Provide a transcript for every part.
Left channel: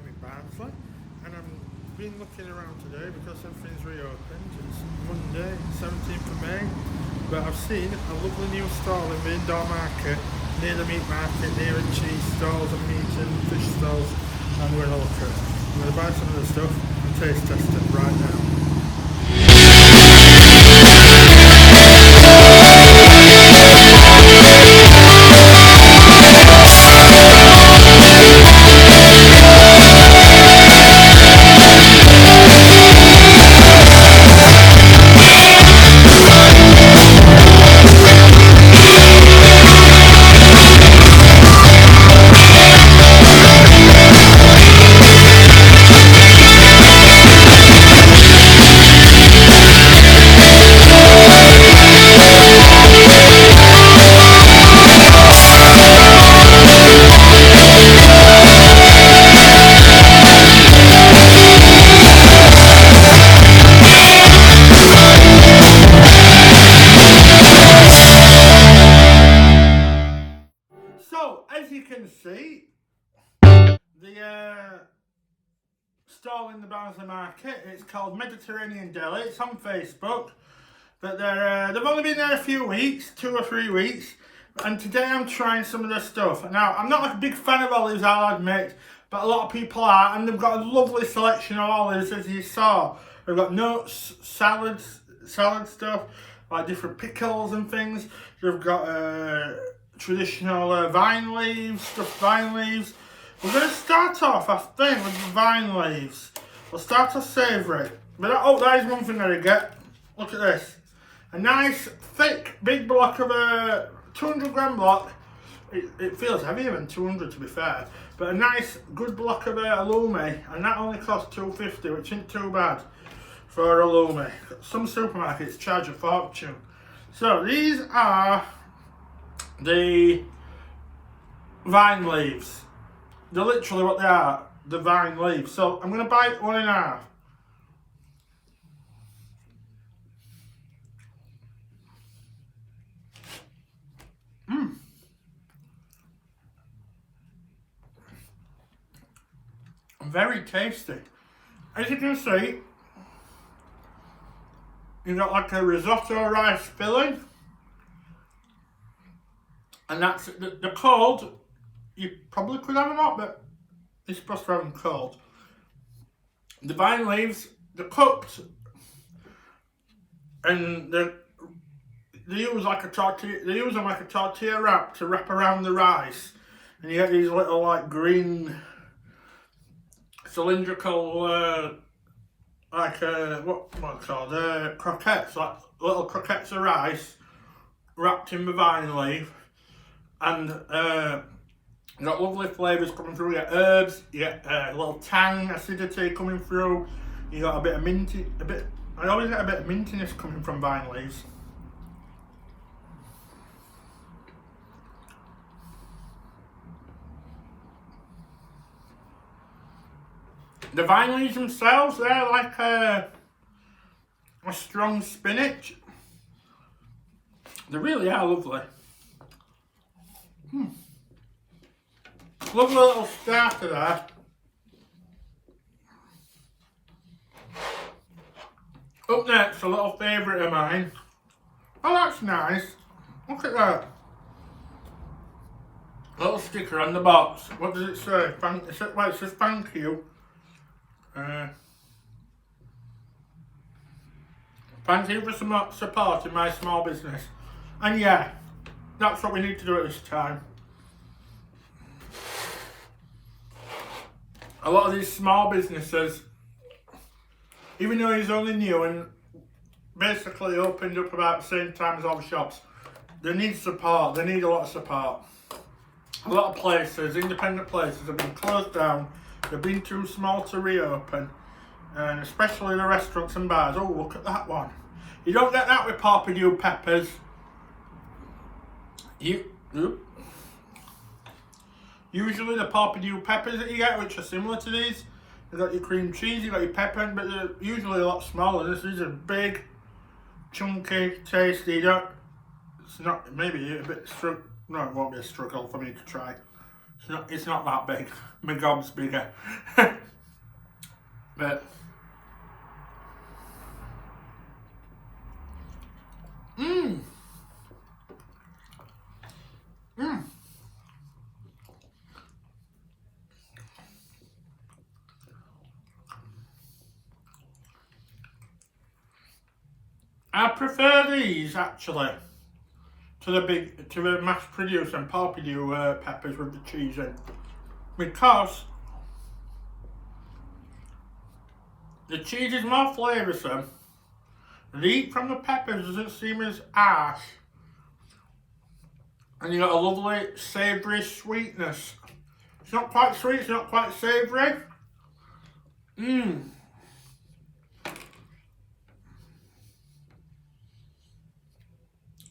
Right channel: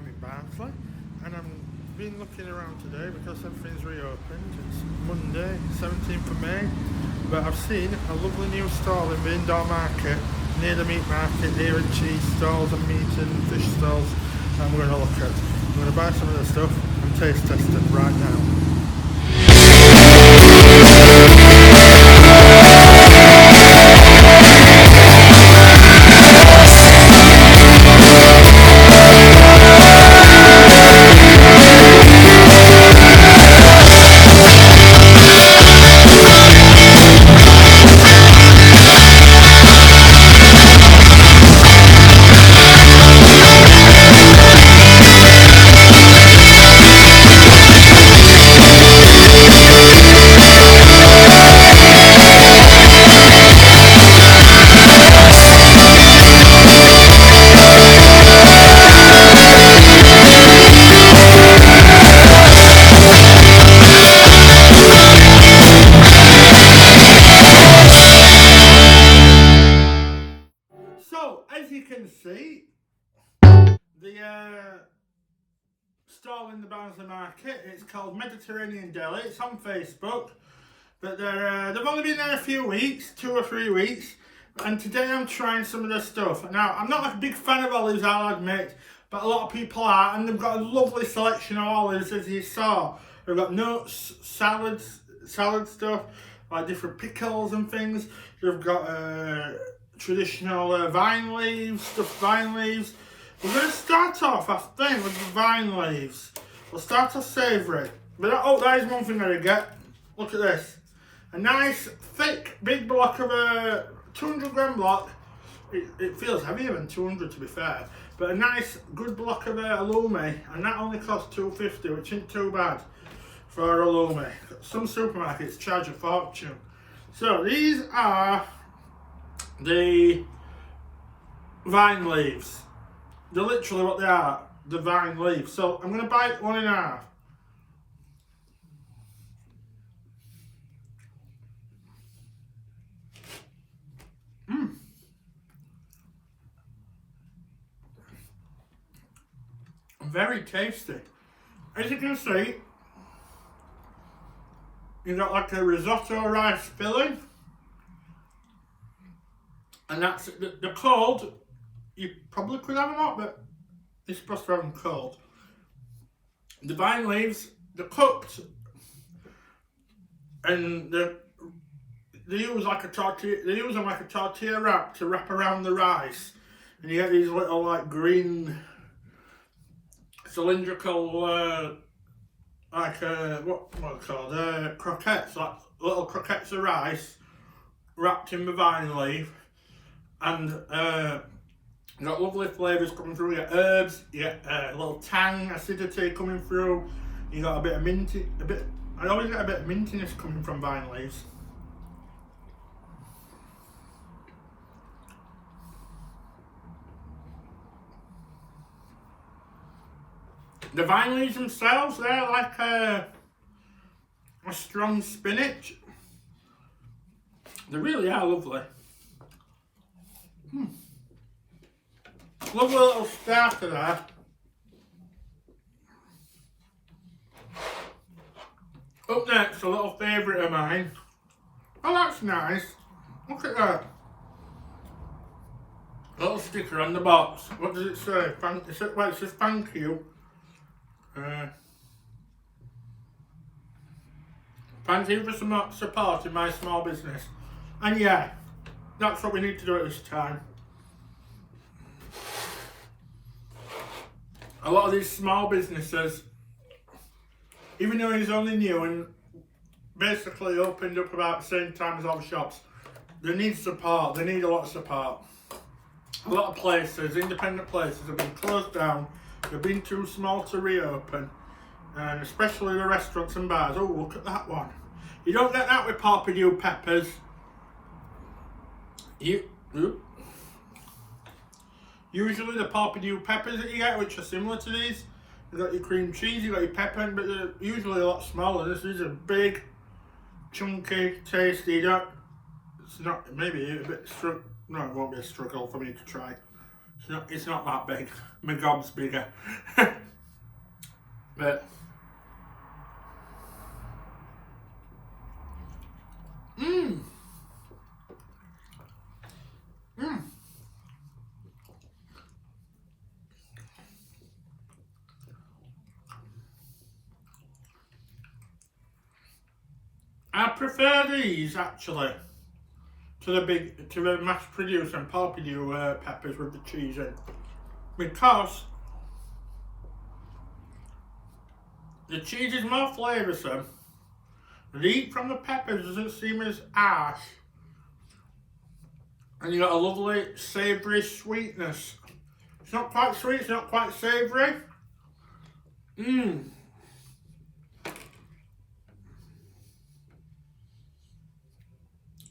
I'm in Barnsley and I've been looking around today because everything's reopened. It's Monday, 17th of May, but I've seen a lovely new stall in the indoor market near the meat market, near the cheese stalls and meat and fish stalls. I'm going to look at. I'm going to buy some of the stuff and taste test it right now. So, as you can see, the stall in the Barnsley market, it's called Mediterranean Deli. It's on Facebook, but they've only been there a few weeks, 2 or 3 weeks, and today I'm trying some of their stuff. Now, I'm not like a big fan of olives, I'll admit, but a lot of people are, and they've got a lovely selection of olives, as you saw. They've got nuts, salad stuff, like different pickles and things. They've got traditional vine leaves, stuffed vine leaves. We're going to start off, I think, with the vine leaves. We'll start off savoury. But there's one thing that I get. Look at this. A nice, thick, big block of a 200 gram block. It feels heavier than 200 to be fair. But a nice, good block of halloumi. And that only costs $2.50, which isn't too bad for halloumi. Some supermarkets charge a fortune. So these are the vine leaves. They're literally what they are, the vine leaves. So I'm going to bite one in half. Very tasty. As you can see, you've got like a risotto rice filling. And that's, they're cold. You probably could have them hot, but you're supposed to have them cold. The vine leaves, they're cooked, and they use like a tortilla. They use them like a tortilla wrap to wrap around the rice, and you get these little like green cylindrical what are they called? Croquettes, like little croquettes of rice wrapped in the vine leaf. And you got lovely flavours coming through. You get herbs, you get a little tang, acidity coming through. You got a bit of minty, I always get a bit of mintiness coming from vine leaves. The vine leaves themselves, they're like a strong spinach. They really are lovely. Lovely little starter there. Up next, a little favourite of mine. Oh, that's nice. Look at that. Little sticker on the box. What does it say? It says thank you. Thank you for supporting my small business. And yeah, that's what we need to do at this time. A lot of these small businesses, even though he's only new and basically opened up about the same time as all the shops, they need support. They need a lot of support. A lot of places, independent places, have been closed down. They've been too small to reopen, and especially the restaurants and bars. Oh, look at that one. You don't get that with Pawpadew peppers. Usually the Pawpadew peppers that you get, which are similar to these, you've got your cream cheese, you've got your pepper, but they're usually a lot smaller. These are big, chunky, tasty. It's not, maybe a bit, no, it won't be a struggle for me to try. It's not that big. My gob's bigger. But I prefer these actually to the mass produced and Pompidou peppers with the cheese in, because the cheese is more flavoursome. The heat from the peppers doesn't seem as harsh, and you got a lovely savoury sweetness. It's not quite sweet, it's not quite savoury.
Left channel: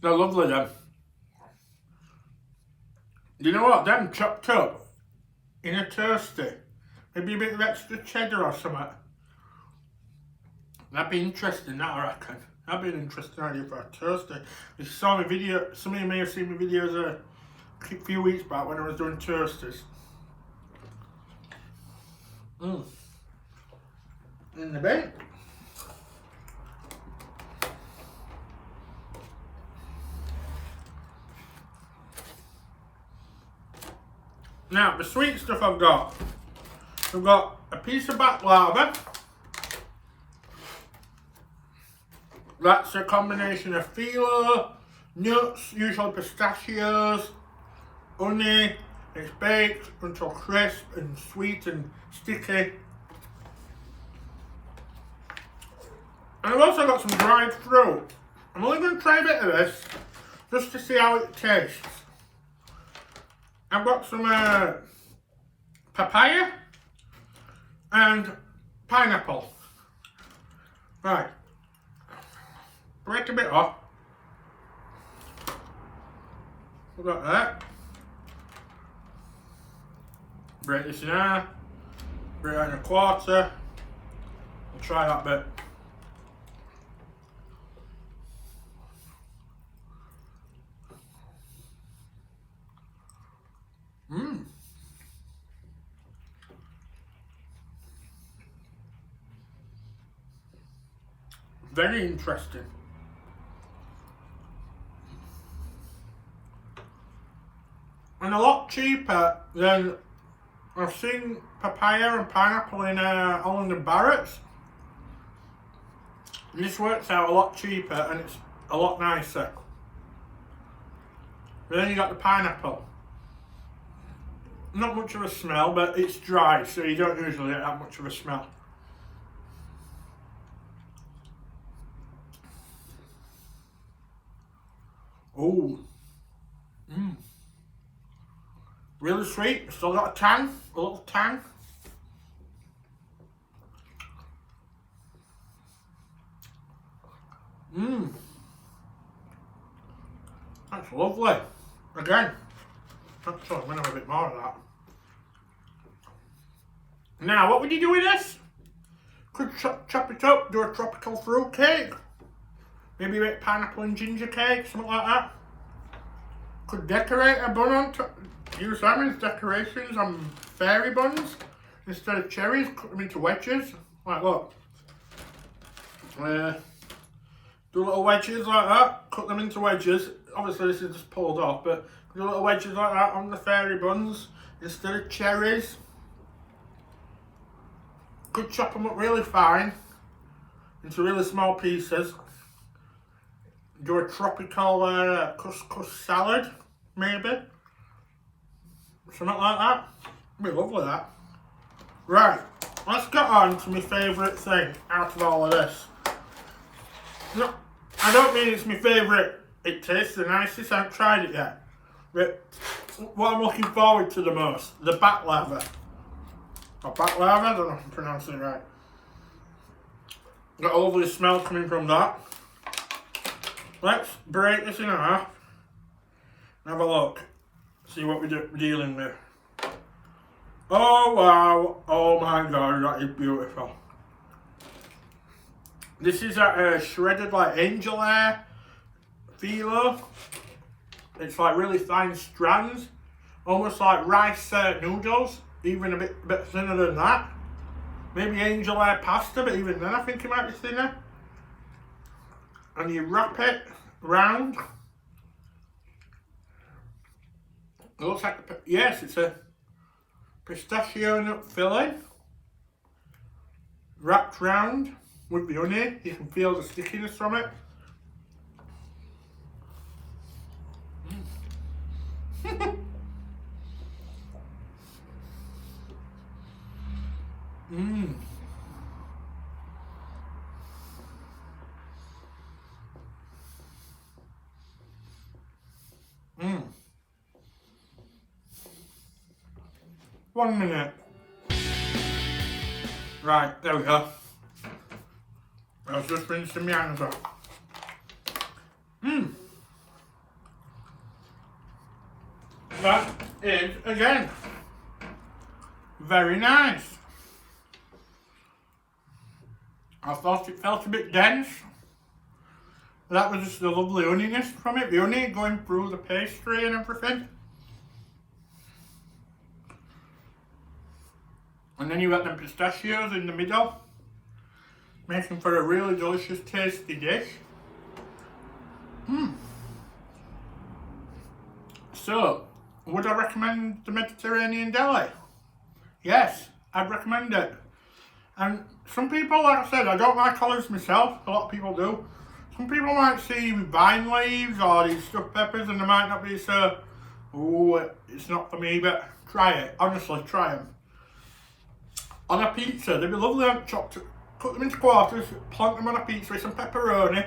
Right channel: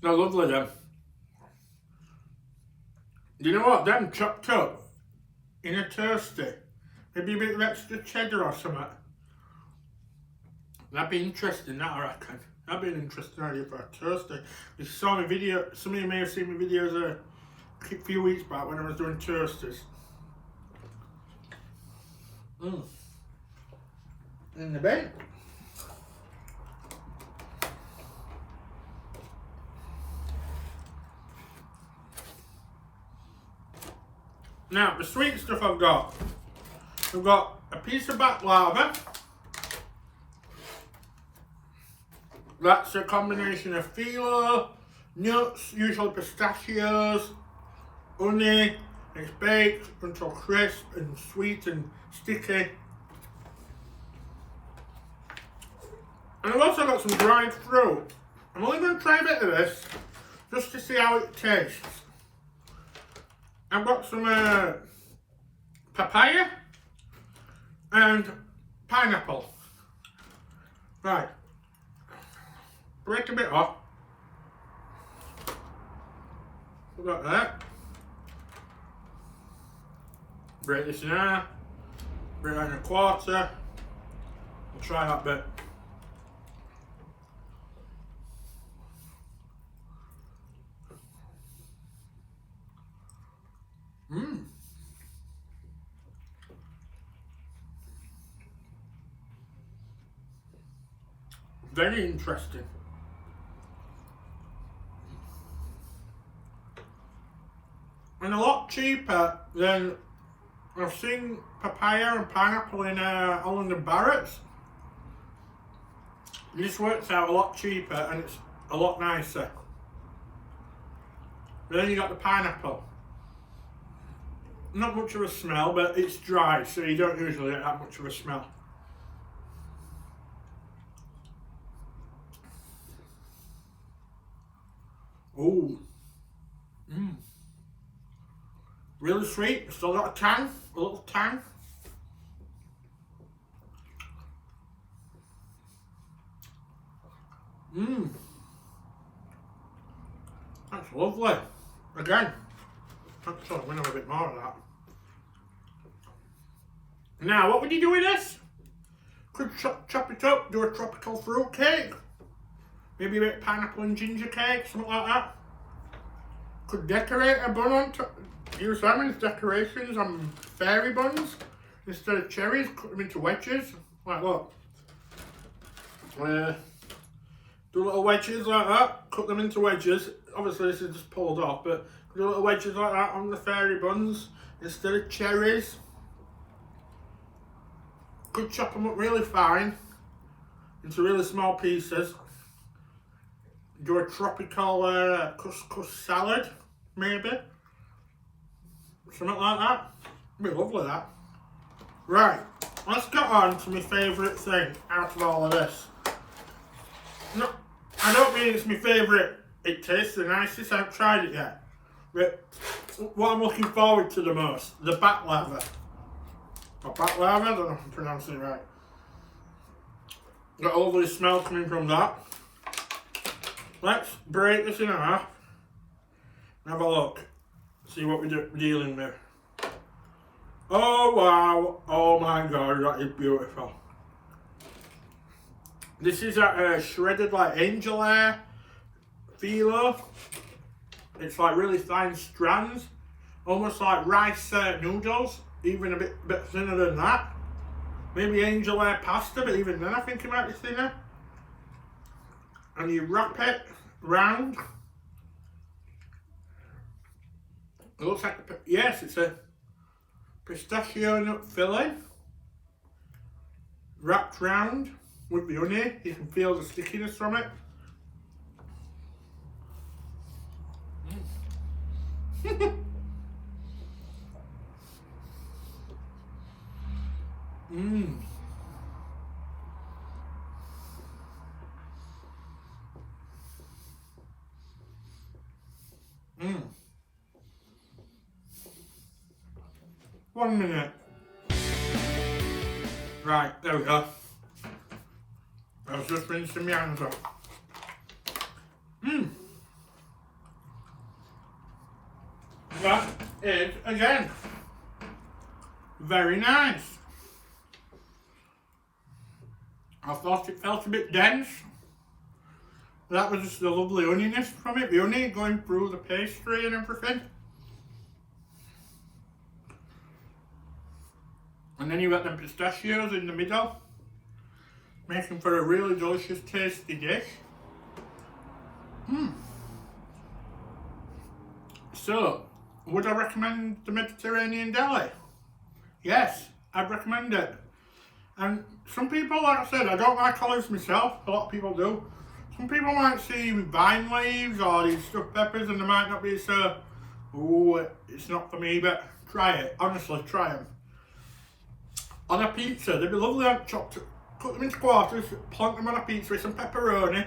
They're lovely, them. You know what? Them chopped up in a toasty, maybe a bit of extra cheddar or something. That'd be interesting, that I reckon. That'd be an interesting idea for a toasty. You saw my video, some of you may have seen my videos a few weeks back when I was doing toasties. In the bin. Now, the sweet stuff I've got a piece of baklava. That's a combination of phyllo, nuts, usually pistachios, honey. It's baked until crisp and sweet and sticky. And I've also got some dried fruit. I'm only going to try a bit of this just to see how it tastes. I've got some papaya and pineapple. Right. Break a bit off. We've got that. Break this in half. Break it in a quarter. We'll try that bit. Very interesting. And a lot cheaper than I've seen papaya and pineapple in Holland and Barrett's. And this works out a lot cheaper and it's a lot nicer. But then you got the pineapple. Not much of a smell, but it's dry, so you don't usually get that much of a smell. Ooh. Really sweet, still got a tang, a little tang. That's lovely. Again, actually I'm going to have a bit more of that. Now, what would you do with this? Could chop it up, do a tropical fruit cake. Maybe a bit of pineapple and ginger cake, something like that. Could decorate a bun on top. Use them as decorations on fairy buns. Instead of cherries, cut them into wedges. Like look. Do little wedges like that. Cut them into wedges. Obviously this is just pulled off, but do little wedges like that on the fairy buns. Instead of cherries. Could chop them up really fine. Into really small pieces. Do a tropical couscous salad, maybe. Something like that. It'd be lovely, that. Right, let's get on to my favourite thing out of all of this. No, I don't mean it's my favourite. It tastes the nicest, I haven't tried it yet. But what I'm looking forward to the most, the baklava. Or baklava, I don't know if I'm pronouncing it right. Got a lovely smell coming from that. Let's break this in half and have a look. See what we're dealing with. Oh wow, oh my god, that is beautiful. This is a shredded like angel hair phyllo. It's like really fine strands. almost like rice noodles, even a bit thinner than that. Maybe angel hair pasta, but even then I think it might be thinner. And you wrap it round. It looks like, yes, it's a pistachio nut filling wrapped round with the honey. You can feel the stickiness from it. Mmm. Mmm. 1 minute. Right, there we go. I was just rinsing my hands off. Mmm. That is, again, very nice. I thought it felt a bit dense. That was just the lovely honeyness from it, the honey going through the pastry and everything. And then you got them pistachios in the middle, making for a really delicious, tasty dish. So, would I recommend the Mediterranean deli? Yes, I'd recommend it. And some people, like I said, I don't like olives myself, a lot of people do. Some people might see vine leaves or these stuffed peppers and they might not be so, ooh, it's not for me, but try it, honestly, try them. On a pizza, they'd be lovely chopped, cut them into quarters, plonk them on a pizza with some pepperoni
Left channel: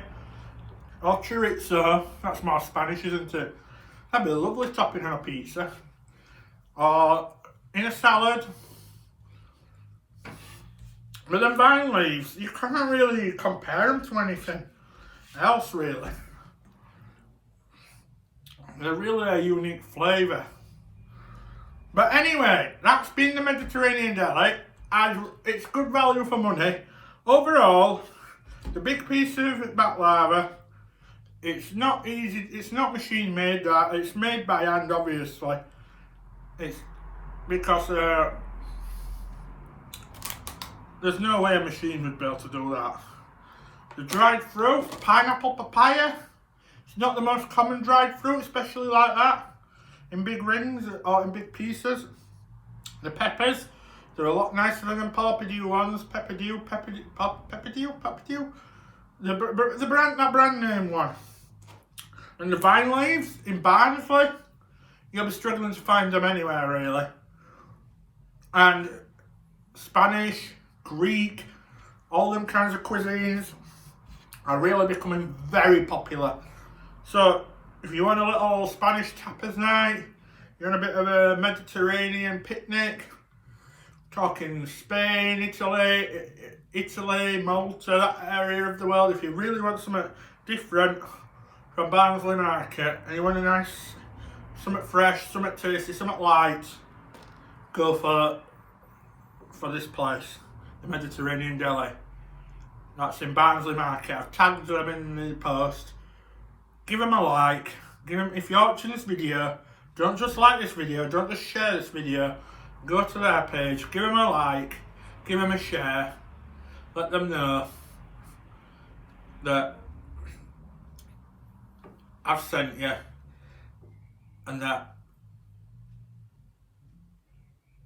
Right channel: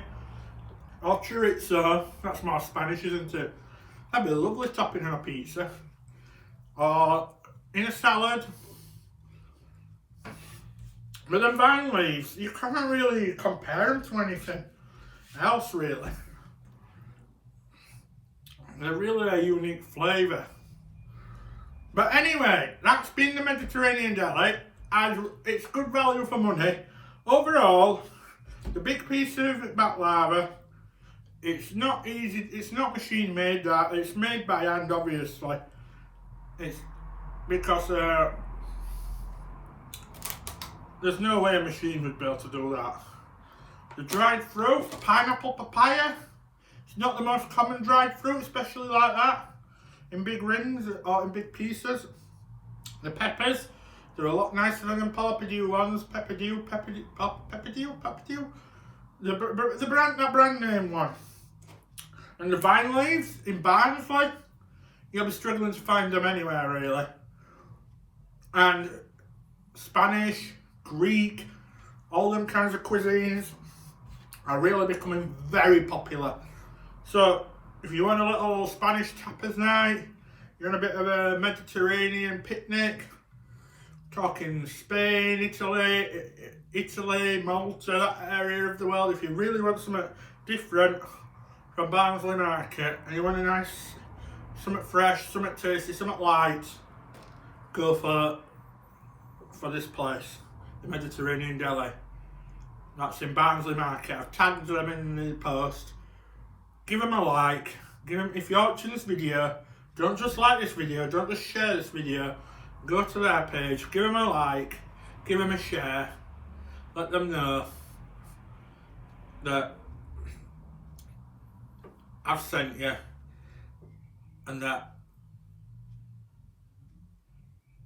or chorizo, that's more Spanish, isn't it? That'd be a lovely topping on a pizza. Or in a salad. With them vine leaves, you can't really compare them to anything else, really. They're really a unique flavour. But anyway, that's been the Mediterranean deli. It's good value for money. Overall, the big piece of baklava, it's not easy, it's not machine made, that it's made by hand, obviously. It's because there's no way a machine would be able to do that. The dried fruit, pineapple, papaya, it's not the most common dried fruit, especially like that, in big rings or in big pieces. The peppers, they're a lot nicer than Pepperdew ones. Pepperdew. The brand name one. And the vine leaves in Barnsley, you'll be struggling to find them anywhere really. And Spanish, Greek, all them kinds of cuisines are really becoming very popular. So if you want a little Spanish tapas night, you're on a bit of a Mediterranean picnic, talking Spain, Italy, Malta, that area of the world, if you really want something different from Barnsley Market and you want a nice, something fresh, something tasty, something light, go for this place, the Mediterranean Deli. That's in Barnsley Market. I've tagged them in the post. Give them a like. If you're watching this video, don't just like this video, don't just share this video. Go to their page, give them a like, give them a share. Let them know that I've sent you and that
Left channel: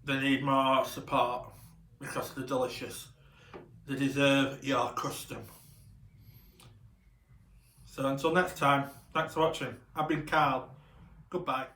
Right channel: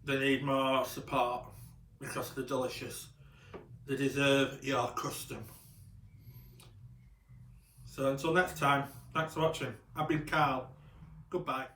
they need more support because they're delicious. They deserve your custom. So until next time, thanks for watching. I've been Carl. Goodbye.